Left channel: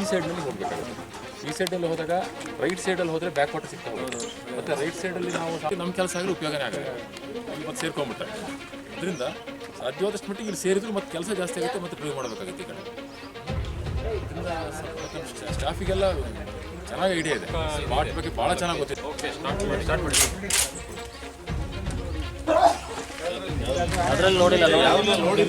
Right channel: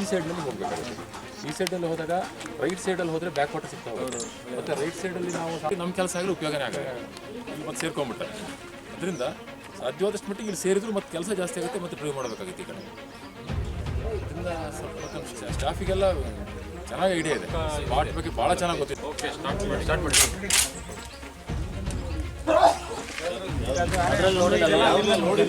ಈ ಸೈಡ್ನಲ್ಲಿ ಹೋಗಬೇಕಾಗುತ್ತೆ. ಈ ಸೈಡಲ್ಲಿ ಹೋದಾಗ ರೈಟ್ ಸೈಡಲ್ಲಿ ಹೋದರೆ ಬ್ಯಾಕ್ ವಾಟರ್ ಸಿಗ್ತಾ ಹೋಗುತ್ತೆ. ಮತ್ತು ರೈಟ್ ಸೈಡಲ್ಲಿ ನಾವು ನಮ್ಮ ಕೆಲಸ ಆಗಲಿ ಉಪಯೋಗನೇ ಆಗಲ್ಲ, ಇಲ್ಲಿ ಮತ್ತೆ ಸೇರ್ಕೊಂಡ್ಬಿಟ್ರೆ. ಅದರಿಂದ ಸಾಧ್ಯವಾದಷ್ಟು ಮಟ್ಟಿಗೆ ಇಲ್ಲಿ ಸೇರಿದ್ರು ಮತ್ತು ಕೆಲಸ ಜಾಸ್ತಿ ಆಗುತ್ತೆ ಮತ್ತು ಡ್ರೈವ್ ಮಾಡಬೇಕಾಗುತ್ತೆ ಈ ಕಡೆ. ಅದರಿಂದ ಮತ್ತು ಸ್ಟಾಫಿಗೆಲ್ಲ ಚೆನ್ನಾಗಿ ಐಡಿಯಾ ಇದೆ, ಸ್ಪಾಟ್ ಬಗ್ಗೆ ಭಾಳ ಚೆನ್ನಾಗಿ ಗೊತ್ತಿದೆ. ಓಕೆ, ಸ್ಟಾರ್ಟ್ ಮಾಡಿ. ಅದರಲ್ಲಿ ನೋಡಿಲ್ಲ ಇಲ್ಲ ನೋಡಿ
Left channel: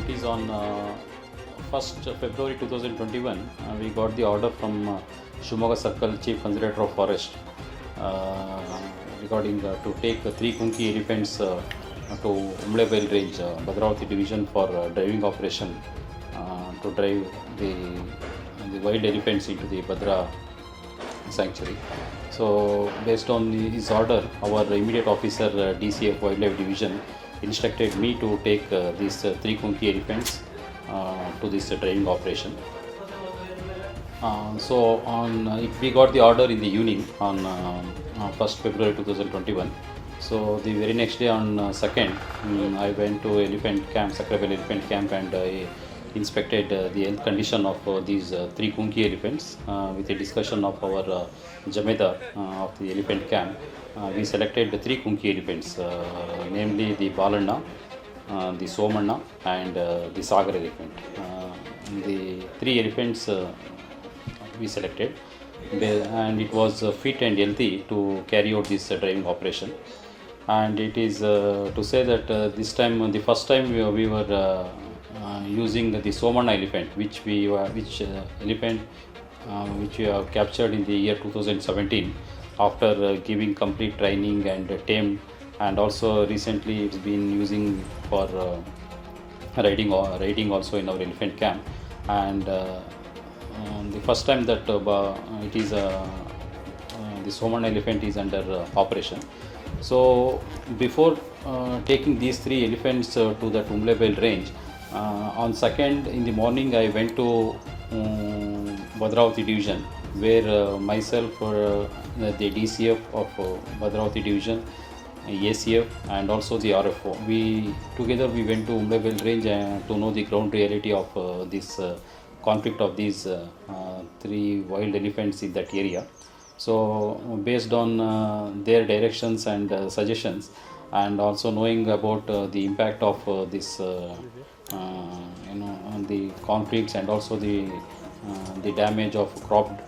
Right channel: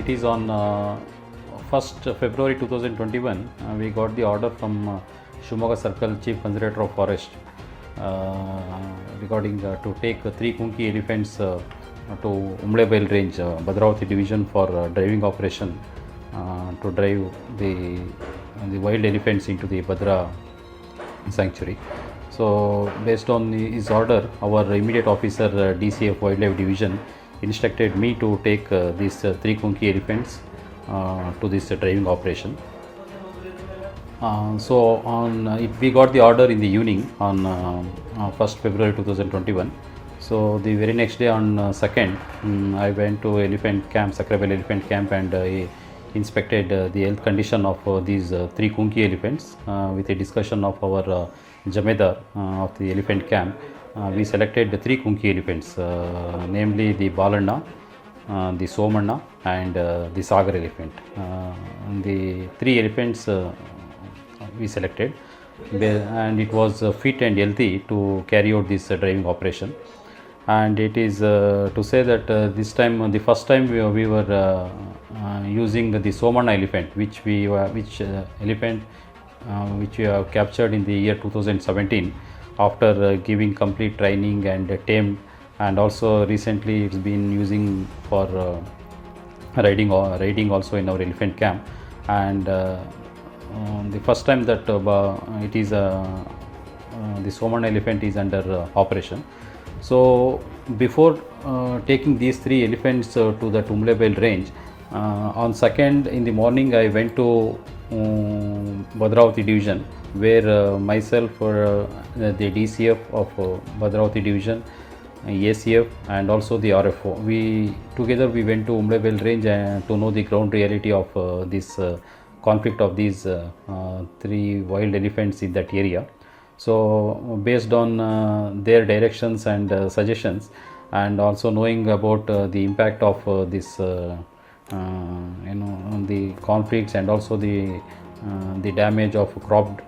It is on 1st February 2021 we got the order from Shimoga Circle Chief Conservator of Forest regarding to take 3 Kunki elephants to Umlebail range, Bhadravati division for driving operation to drive the wild elephants into the Bhadra sanctuary. So based on his order, our immediate officer DCF Wildlife Division instructed me to take these 3 Kunki elephants to this driving operation. So we got the order in the evening on 1st February 2021. So the very next day on 2nd, I went to elephant camp, Sakrabel elephant camp, and inspected the health condition of these 3 Kunki elephants with a discussion of our Jamedar of the elephant camp. We selected the 3 Kunki elephants, namely the Balanna, the Somanna, and the Sagar elephant. The 3 elephants we selected, and it was fit and healthy to carry out this driving operation. And it is to say that this time, the first time we were using the Somanna elephant, which we have captured in the year 2017. After giving complete training and tame, and also recently it's been using for riding also in our elephant camp. And the first time that it is the Soman elephant is under operation. So before taking these 3 elephants to the Umlebail range, on 2nd in the morning I went to Bhadravati division, where myself the DCF of Bhadravati division, ACF, and also the RFO, we went to Umlebail range to know the ground reality of this conflict of these 3 wild elephants in that area. So based on their directions and suggestions, and also knowing about the impact of this on the conflicts, and also the damage of crop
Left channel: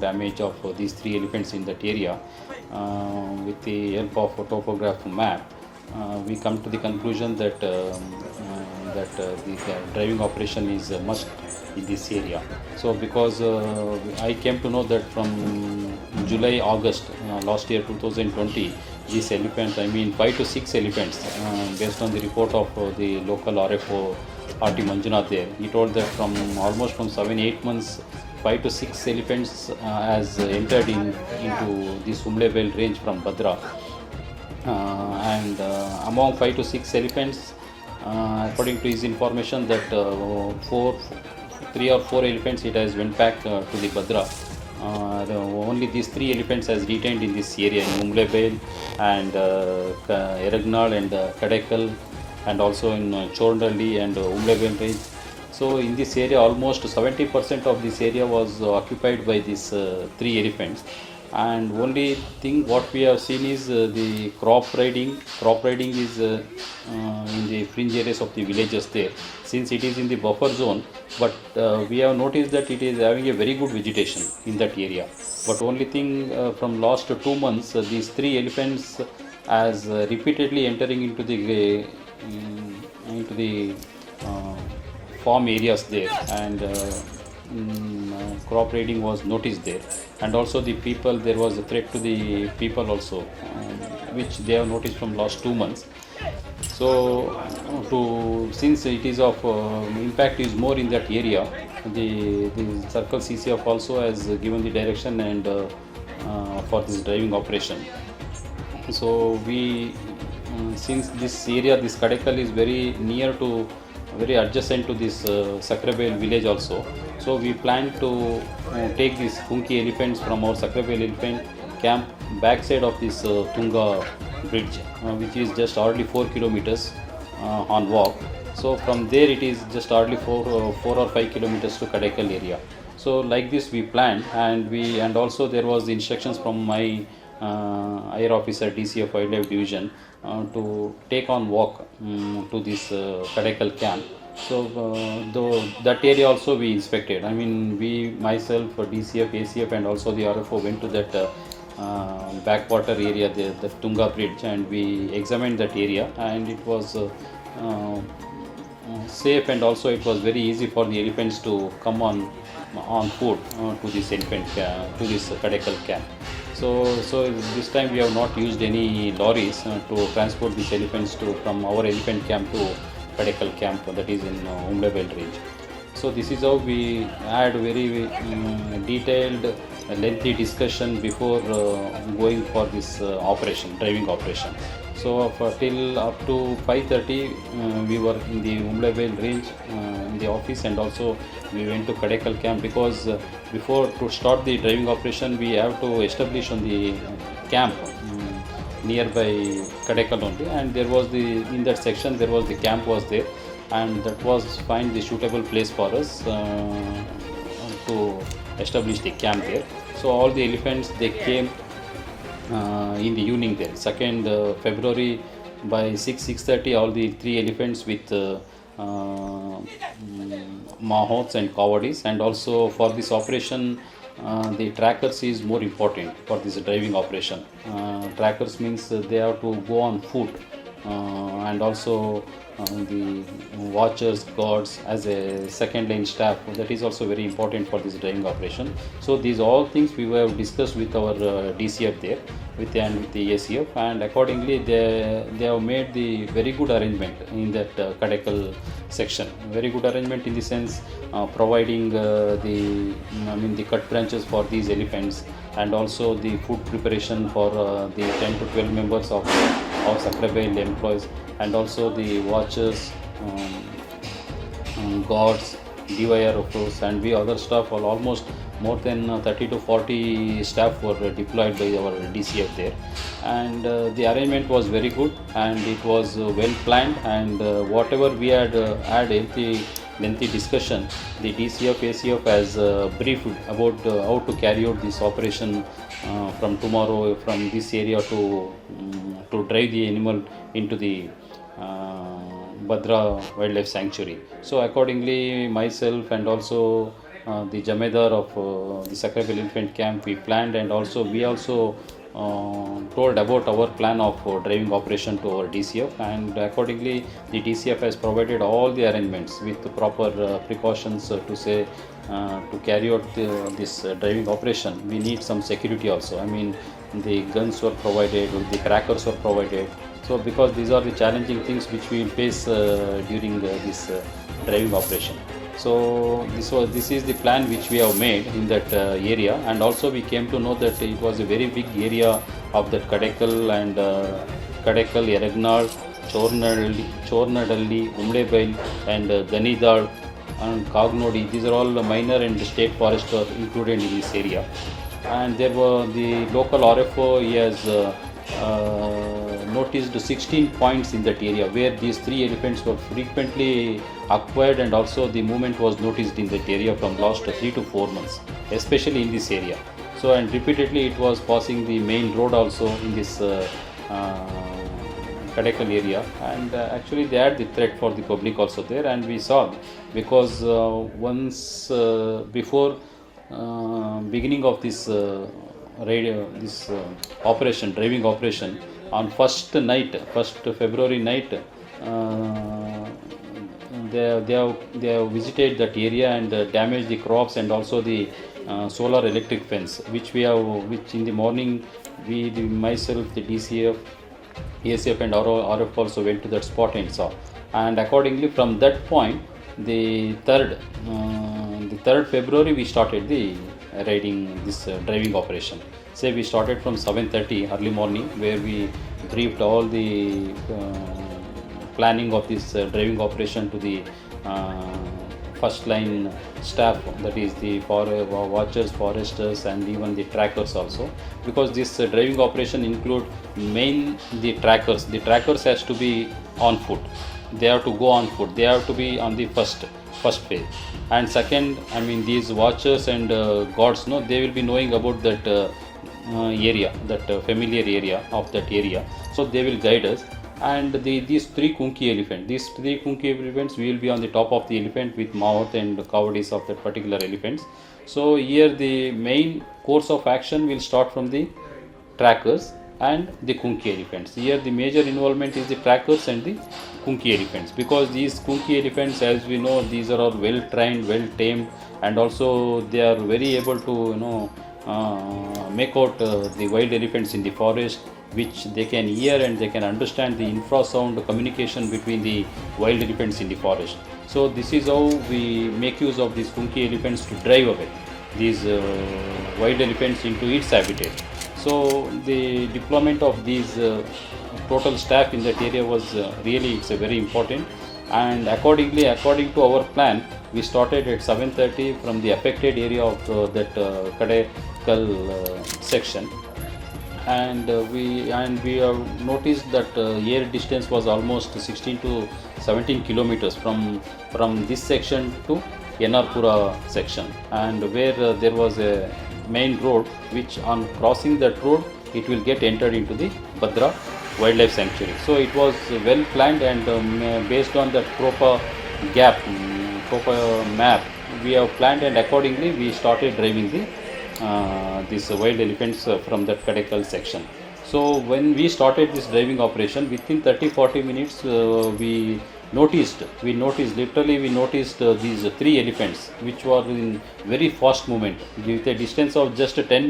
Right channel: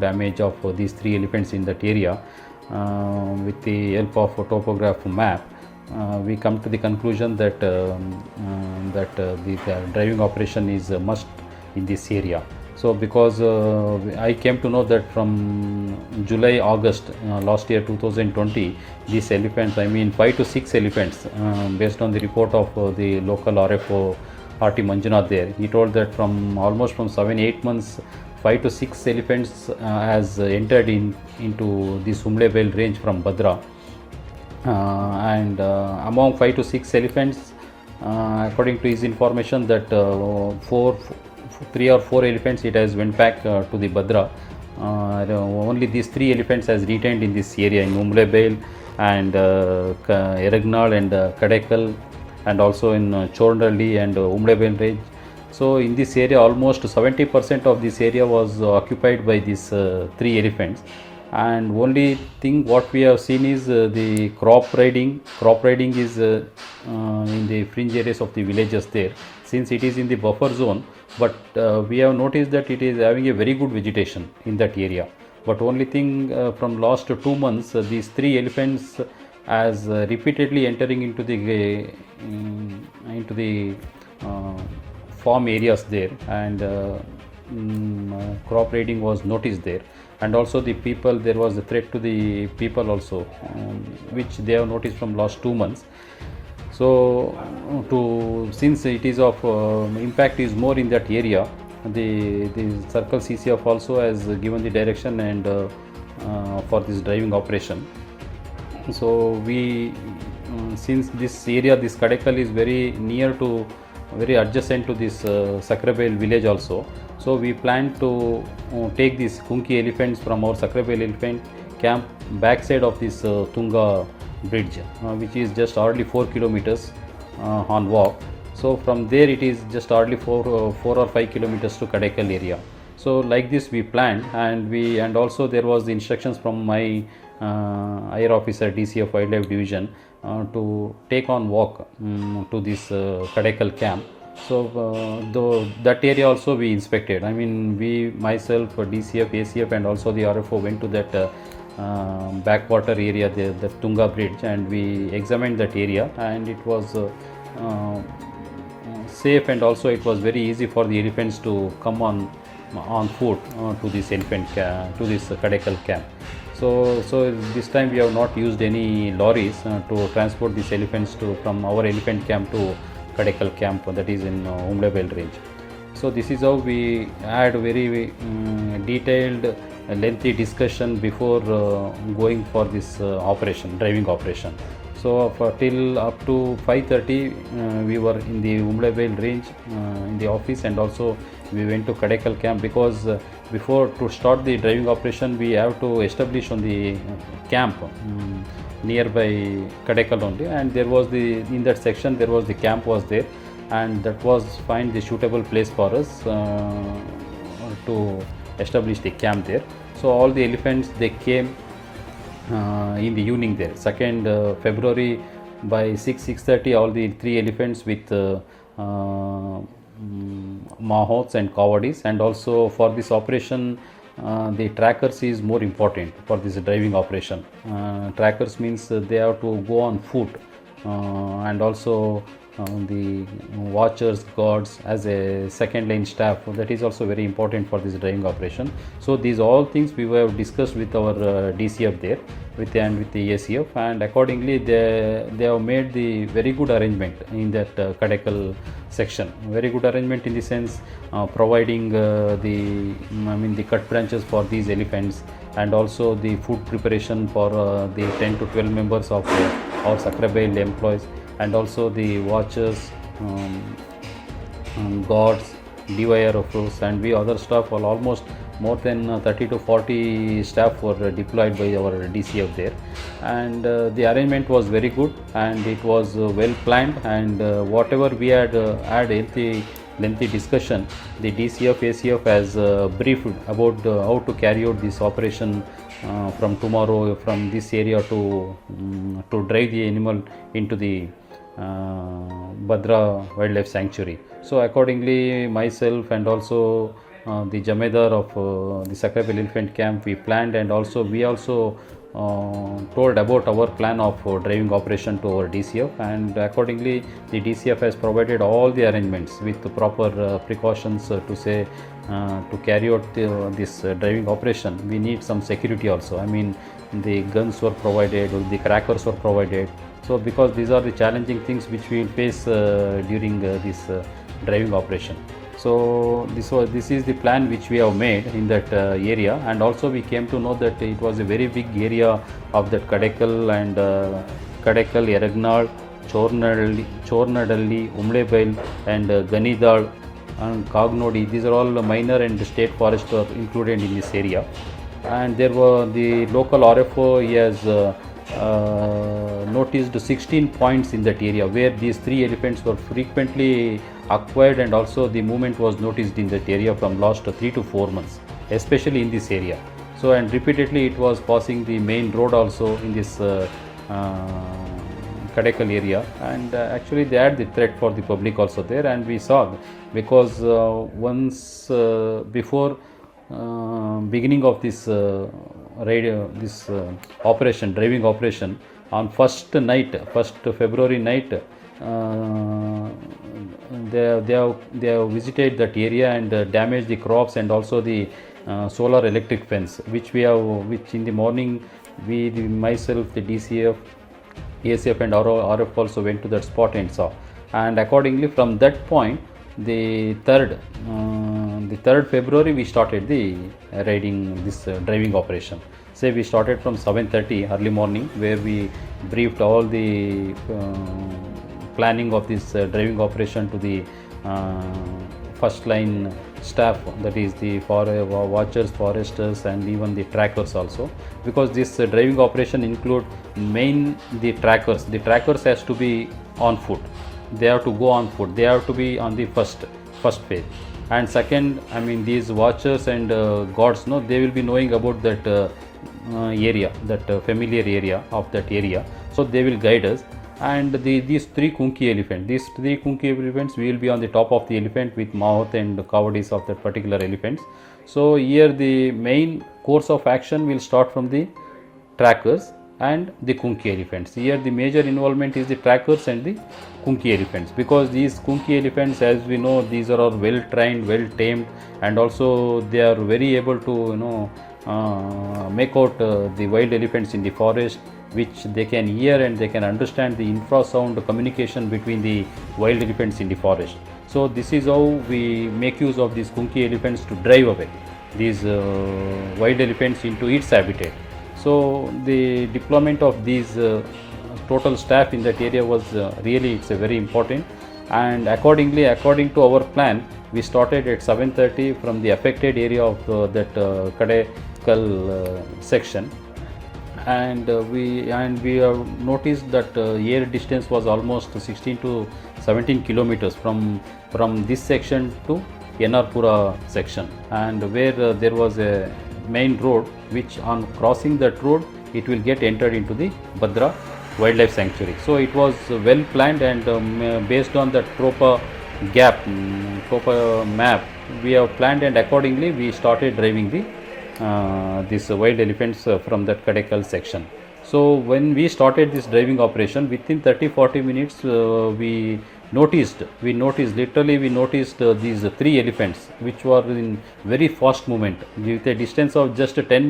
damage of these 3 elephants in that area, with the help of a topograph map, we come to the conclusion that the driving operation is a must in this area. So because I came to know that from July-August last year 2020, these elephants, I mean 5 to 6 elephants, based on the report of the local RFO RT Manjunath there, he told that from 7-8 months 5 to 6 elephants has entered into this Umlebail range from Bhadra, and among 5 to 6 elephants, according to his information, that 3 or 4 elephants it has went back to the Bhadra. Only these 3 elephants has retained in this area in Umlebail and Eragnal and Kadekal, and also in Chornalli and Umlebail range. So in this area almost 70% of this area was occupied by these 3 elephants, and only thing what we have seen is the crop riding. Crop riding is in the fringe areas of the villages there, since it is in the buffer zone, but we have noticed that it is having a very good vegetation in that area. But only thing, from last 2 months, these three elephants as repeatedly entering into the uh, farm areas there, and crop raiding was noticed there. And also the people, there was a threat to the people also, which they have noticed from last 2 months. So to since it is of impact is more in that area, the circle CCF also has given the direction and for this driving operation. So we since this area, this Kadekal is very near to, very adjacent to this Sakrabel village also, so we plan to take these Kunki elephants from our Sakrabel elephant camp backside of this Tunga bridge, which is just hardly 4 kilometers on walk. So from there it is just hardly 4 or 5 kilometers to Kadekal area. So like this we planned, and also there was the instructions from my higher officer DCF Wildlife Division to take on walk to this Kadekal camp. So though that area also we inspected. I mean, we myself, DCF, ACF and also the RFO went to that backwater area, the Tunga bridge, and we examined that area, and it was safe, and also it was very easy for the elephants to come on foot to this to this Kadekal camp. So this time we have not used any lorries to transport these elephants from our elephant camp to Kadekal camp, that is in Umlebel range. So this is how we had very detailed, lengthy discussion before going for this driving operation. So till up to 5:30 we were in the Umlebel range in the office, and also we went to Kadekal camp, because before to start the driving operation we have to establish on the camp nearby Kadekal only, and there was in that section there was the camp was there, and that was find the suitable place for us to establish the camp there. So all the elephants, they came in the evening there, 2nd February by 6:30, all the 3 elephants with mahots and kawadis. And also for this operation the trackers is more important for this driving operation. Trackers means they have to go on foot, and also the watchers, guards as a second line staff, that is also very important for this driving operation. So these all things we have discussed with our DCF there, with the ACF, and accordingly they have made the very good arrangement in that Kadekal section. Very good arrangement in the sense providing the cut branches for these elephants, and also the food preparation for the 10 to 12 members of our Sakrabel employees, and also the watchers, guards, DYR of course, and we other staff. Almost more than 30 to 40 staff were deployed by our DCF there, and the arrangement was very good, and it was well planned, and whatever we had had lengthy discussion, the DCF ACF has briefed about how to carry out this operation from tomorrow, from this area to drive the animal into the Badra Wildlife Sanctuary. So accordingly, myself and also the Jamedar of the Sakrabel Elephant Camp, we planned, and also we also told about our plan of driving operation to our DCF, and accordingly the DCF has provided all the arrangements with the proper precautions to carry out this driving operation. We need some security also. I mean, the guns were provided, the trackers were provided. So because these are the challenging things which we will face during this driving operation. So this is the plan which we have made in that area, and also we came to know that it was a very big area of that Kadekal, and Kadekal, Yaragnal, Chornadalli, Umlebel, and Ganidal and Kagnodi. These are all minor and state forests are included in this area. And there were the local RFO, he has noticed 16 points in that area where these 3 elephants were frequently acquired, and also the movement was noticed in that area from last 3 to 4 months, especially in this area. So and repeatedly it was passing the main road also in this Kadekal area, and actually they had the threat for the public also there, and we saw because once before beginning of this operation, driving operation, on first February night, they have visited that area and damaged the crops and also the solar electric fence, which in the morning myself, the DCF, ACF and RF also went to that spot and saw, and accordingly from that point, the 3rd February we started the driving operation. Say we started from 7:30 early morning, where we briefed all the planning of this driving operation to the first line staff, that is the watchers, foresters and even the trackers also, because this driving operation include the trackers has to be on foot, they have to go on foot, they have to be on the first phase, and second, I mean these watchers and guards, they will be knowing about that area, that familiar area of that area, so they will guide us. And these three kunki elephants will be on the top of the elephant with mouth and cowardice of that particular elephants. So here the main course of action will start from the trackers and the kunki elephants. Here the major involvement is the trackers and the kunki elephants, because these kunki elephants, as we know, these are all well trained, well tamed, and also they are very able to make out the wild elephants in the forest, which they can hear and they can understand the infrasound communication between the wild elephants in the forest. So this is how we make use of these kunki elephants to drive away these wild elephants into its habitat. So the deployment of these total staff in that area was it's a very important, and according to our plan, we started at 7:30 from the affected area of that Kadekal section, and we have noticed that air distance was almost 16 to 17 kilometers from this section to Yanarpura section, and where there was a main road, which on crossing that road it will get entered into the Bhadra Wildlife Sanctuary. So it was well planned, and based on the proper map we have planned, and accordingly we started driving these wild elephants from that Kadekal section. So when we started this driving operation, within 30-40 minutes we noticed these three elephants, which were in very fast movement. With a distance of just 10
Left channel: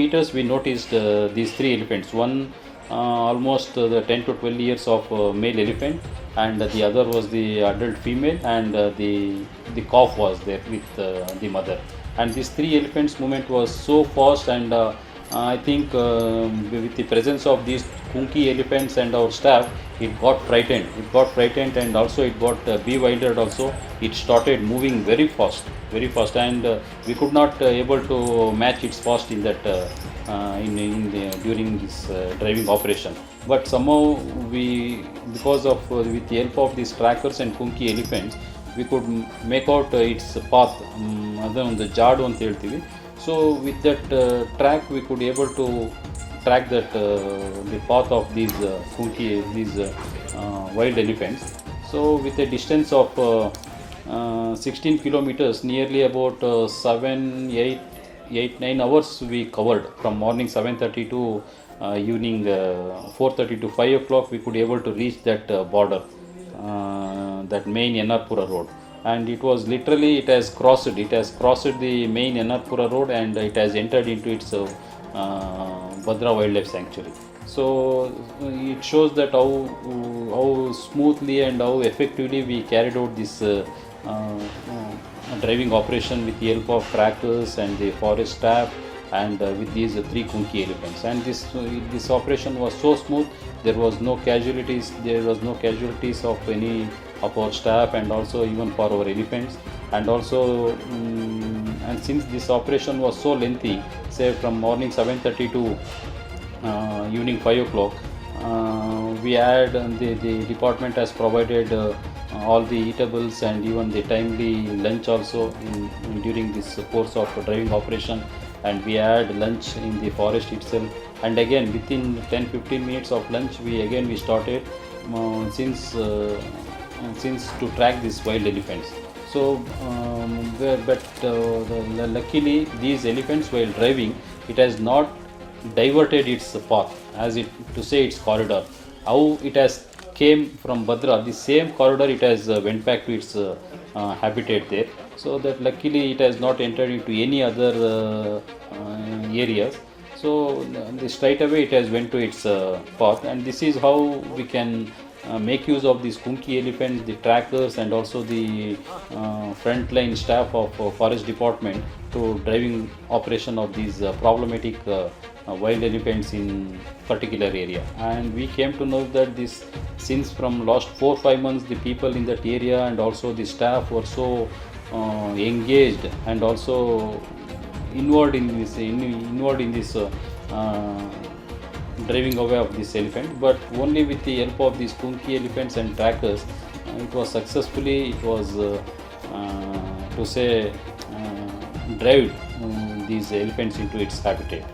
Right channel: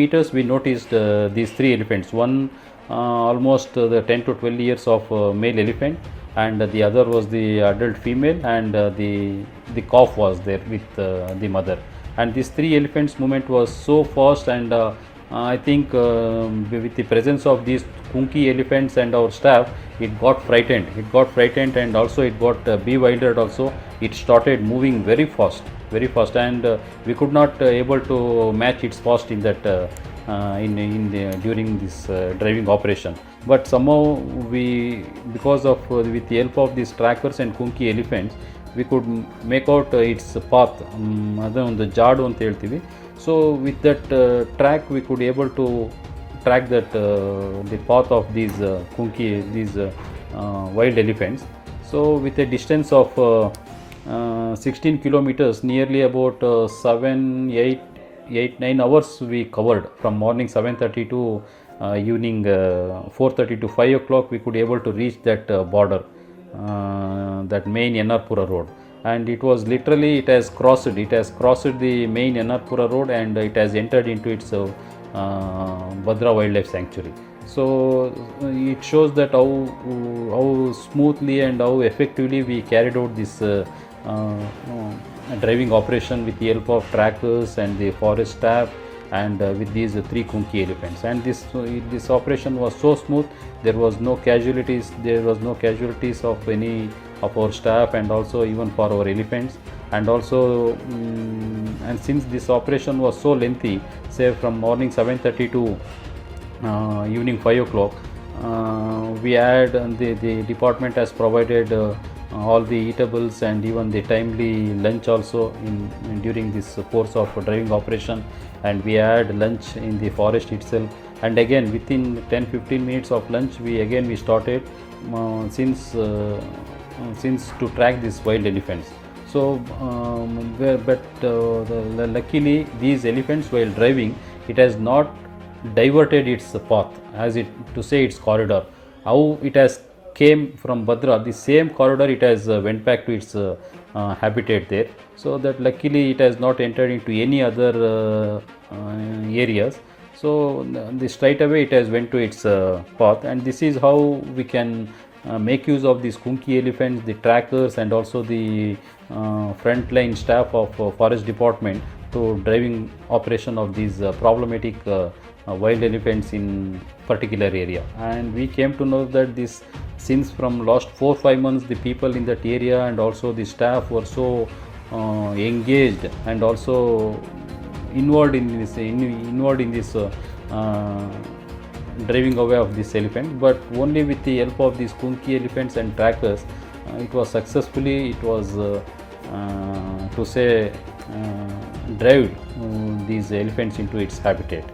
meters, we noticed these three elephants. One almost the 10 to 12 years of male elephant, and the other was the adult female, and the calf was there with the mother. And these three elephants movement was so fast, and I think with the presence of these kunki elephants and our staff, it got frightened, and also it got bewildered also. It started moving very fast, and we could not able to match its fast in that during this driving operation. But somehow because of with the help of these trackers and kunki elephants, we could make out its path, the jadu anta heltivi. So with that track, we could able to track that the path of these wild elephants. So with a distance of 16 kilometers, nearly about 9 hours we covered, from morning 7:30 to evening 4:30 to 5 o'clock. We could able to reach that border, that main Yanarpura road, and it was literally it has crossed the main Yanarpura road, and it has entered into its Bhadra Wildlife Sanctuary. So it shows that how smoothly and how effectively we carried out this driving operation with the help of trackers and the forest staff, and with these three kunki elephants. And this operation was so smooth, there was no casualties of any of our staff, and also even for our elephants. And also and since this operation was so lengthy, say from morning 7:30 to evening 5 o'clock, we had the department has provided all the eatables and even the timely lunch also during this course of driving operation. and we had lunch in the forest itself. And again, within 10-15 minutes of lunch, we started since to track these wild elephants. So, luckily, these elephants, while driving, it has not diverted its path, as it to say its corridor. How it has came from Badra, the same corridor it has went back to its habitat there. So that luckily it has not entered into any other areas. So straight away it has went to its path, and this is how we can make use of these Kunki elephants, the trackers, and also the frontline staff of forest department to driving operation of these problematic wild elephants in particular area. And we came to know that this, since from last 4-5 months, the people in that area and also the staff were so engaged and also involved in this driving away of this elephant. But only with the help of these Kunki elephants and trackers, it was successfully, it was to say drive these elephants into its habitat.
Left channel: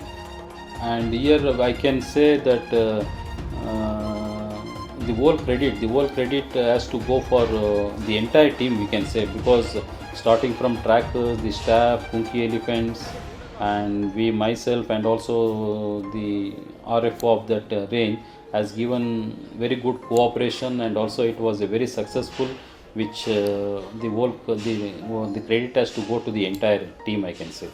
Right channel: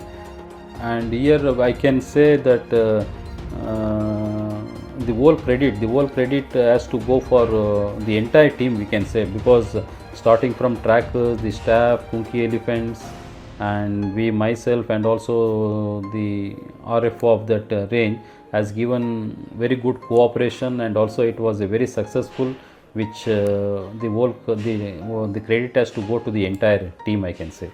And here I can say that the whole credit has to go for the entire team, we can say, because starting from trackers, the staff, Kunki elephants, and we myself, and also the RFO of that range has given very good cooperation, and also it was a very successful, which the credit has to go to the entire team, I can say.